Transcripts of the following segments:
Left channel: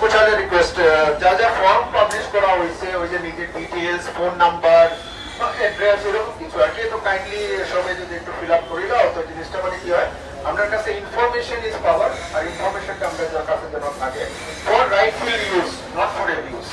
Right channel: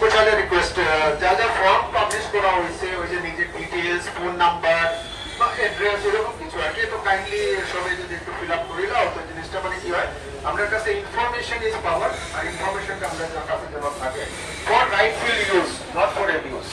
পোর্টালে রিকোয়েস্ট যা যা ফর্ম পাবলিশ করা হয়েছে ওই যে নিজের ডিটেইলস ফোন নাম্বার অ্যাড্রেস এরকম কিছু আর কি তো কাইন্ডলি সবাই যদি একটু ফিল আপ করে দাও তো জিনিসটা মানে কি হয় আমরা কাছে ইনফরমেশন ইজ পাওয়ার আর ইনফরমেশনটা আমরা কাছে যেন থাকে for Writefull use not for abuse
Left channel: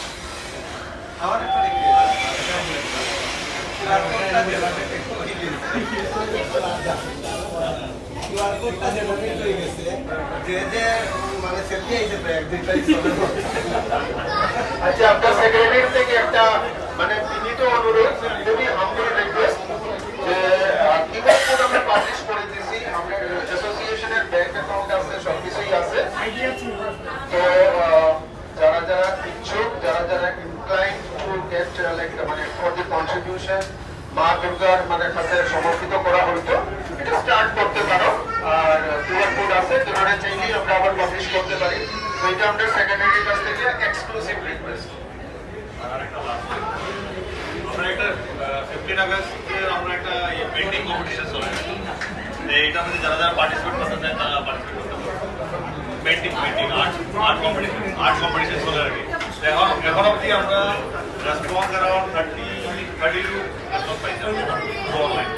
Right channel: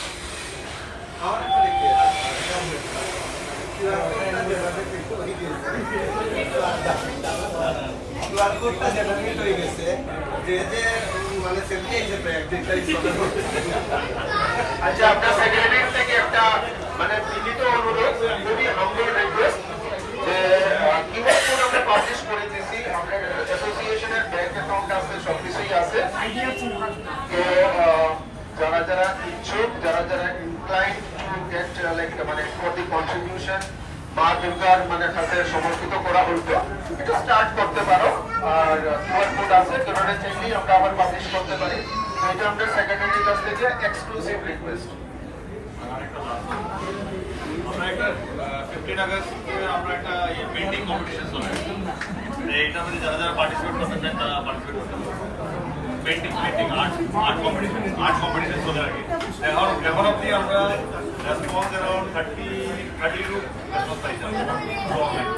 আচ্ছা আপনার সেক্রেটারি থেকে একটা মানে বিনীত অনুরোধ খুবই হাম্বল রিকোয়েস্ট যে কিউআর কোড আমরা পাবলিশ করে দিয়েছি আমাদের অ্যাসোসিয়েশনের ব্যাংক অ্যাকাউন্ট আছে সবকিছুই আছে তো যারা যারা ইচ্ছুক যারা যারা ইনক্লাইন টু গেট লাইক মানে ফর দি কন্ট্রিবিউশন মা দুর্গার মানে কাছে সমর্পিত করা হইতো এটা স্টার্ট করতে পারো আর কিউআর কোড আছে যেটা চাইলেই আমরা আবার পাবলিশ করতে পারি তো এটা আমাদের সেক্রেটারির কাছ থেকে এক্সক্লুসিভ রিকোয়েস্ট আমরা একটা 15 আগস্টে আমরা একটা পেন্টিং কম্পিটিশন চলে এইটা আমাদের যারা যারা পার্টিসিপেট করতে চায় তারা পার্টিসিপেট করতে পারে পেন্টিং আর্ট কম্পিটিশন চলে আর কি এখন অবধি আমরা রেসপন্স অ্যারাউন্ড 32 রেসপন্স পাইছি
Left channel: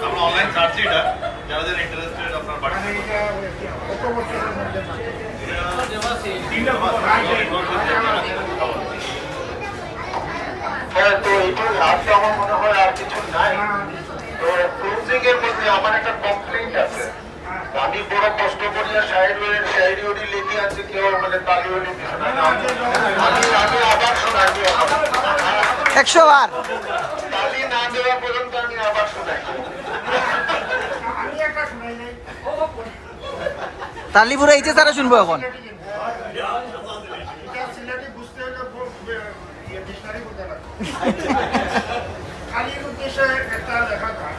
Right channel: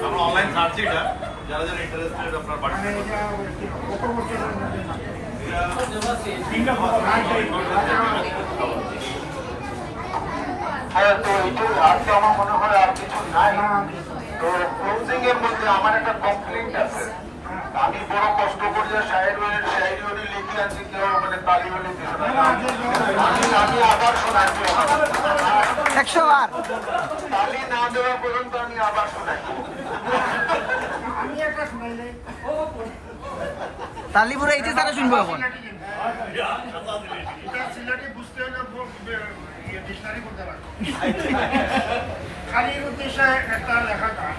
আমরা অনলাইন সার্চ এটা যারা যারা ইন্টারেস্টেড আপনার পার্টিসিপেট হ্যাঁ তো একটু আজকে আমার মনে হয় আর কিছু নাই তো ক্লোজিং এর মধ্যে আমার একটা কমপ্লেইন্ট আছে আমি বড় কষ্ট করিয়া শায়রি লিখে আছি কেউ মানে তালি হইল কিছু নাই আমি আবার শোনাই 100 বার তালি না দেওয়া পর্যন্ত আমি আবার শোনাই তালিপুরা এইচে তারা শুনবো এখন খালির উদ্দেশ্যে একটা লেখা গান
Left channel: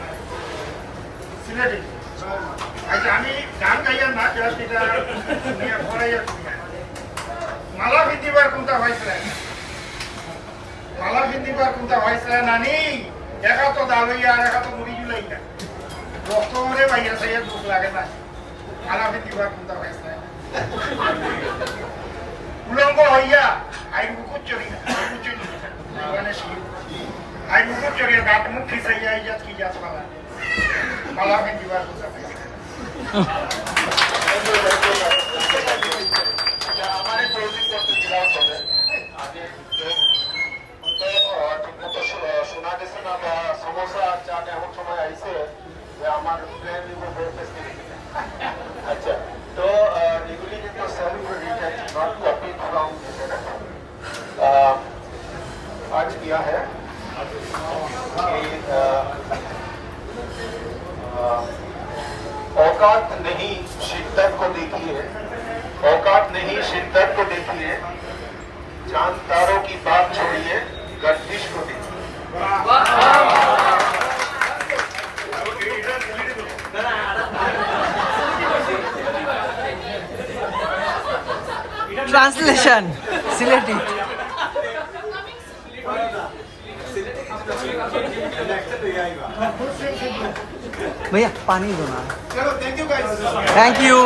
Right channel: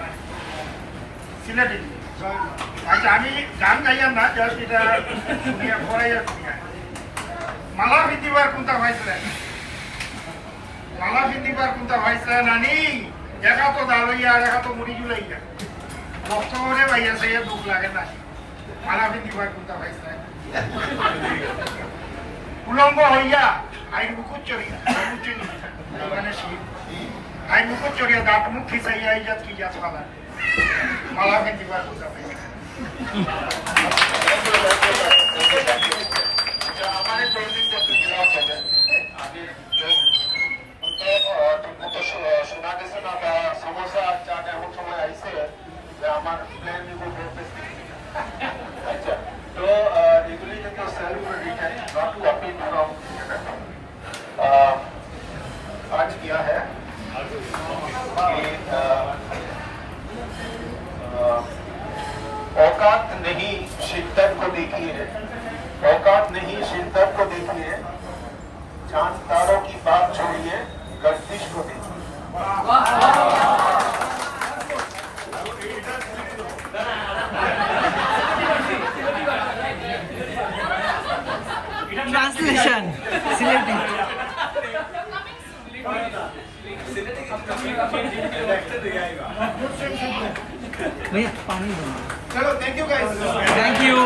সিলেটি আচ্ছা আমি গান গাইয়া না জাস্ট এটা পড়াই মালা ভিত্তিবার কোনটা হয়েছে মালা ভিত্তিবার কোনটা হয়েছে নানি দেখা তো দালাইয়া দেখা তো মুড়ি জুলাইয়া রক্তরে ভাইয়া সে দুঃখ লাগে না মালা ভিত্তিবার কোনটা হয়েছে উলঙ্গ হইয়া আইন মুকুট চড়িয়া আইন মুকুট চড়িয়া দাঁত মুখ খিসাইয়া ইজাত কি ইজাত পালা মালা ভিত্তিবার কোনটা আমাদের ক্লোজিং করতে দিলাম হবে আগে ঠিকমতো শোনা গেছে না বা সমস্যা চান এমন সময় আইসে যে আমার প্ল্যান আচ্ছা তো এগুলি কিন্তু self written not copy from आज किया है कि औकात नहीं शिद्दत को देखिए औकात नहीं शिद्दत को देखिए चांद तारों की बात छोड़िए गर्दिश को देखिए ट्रांसलेशन सिलेटी भैया पानी दो ना चलो thank you guys thank you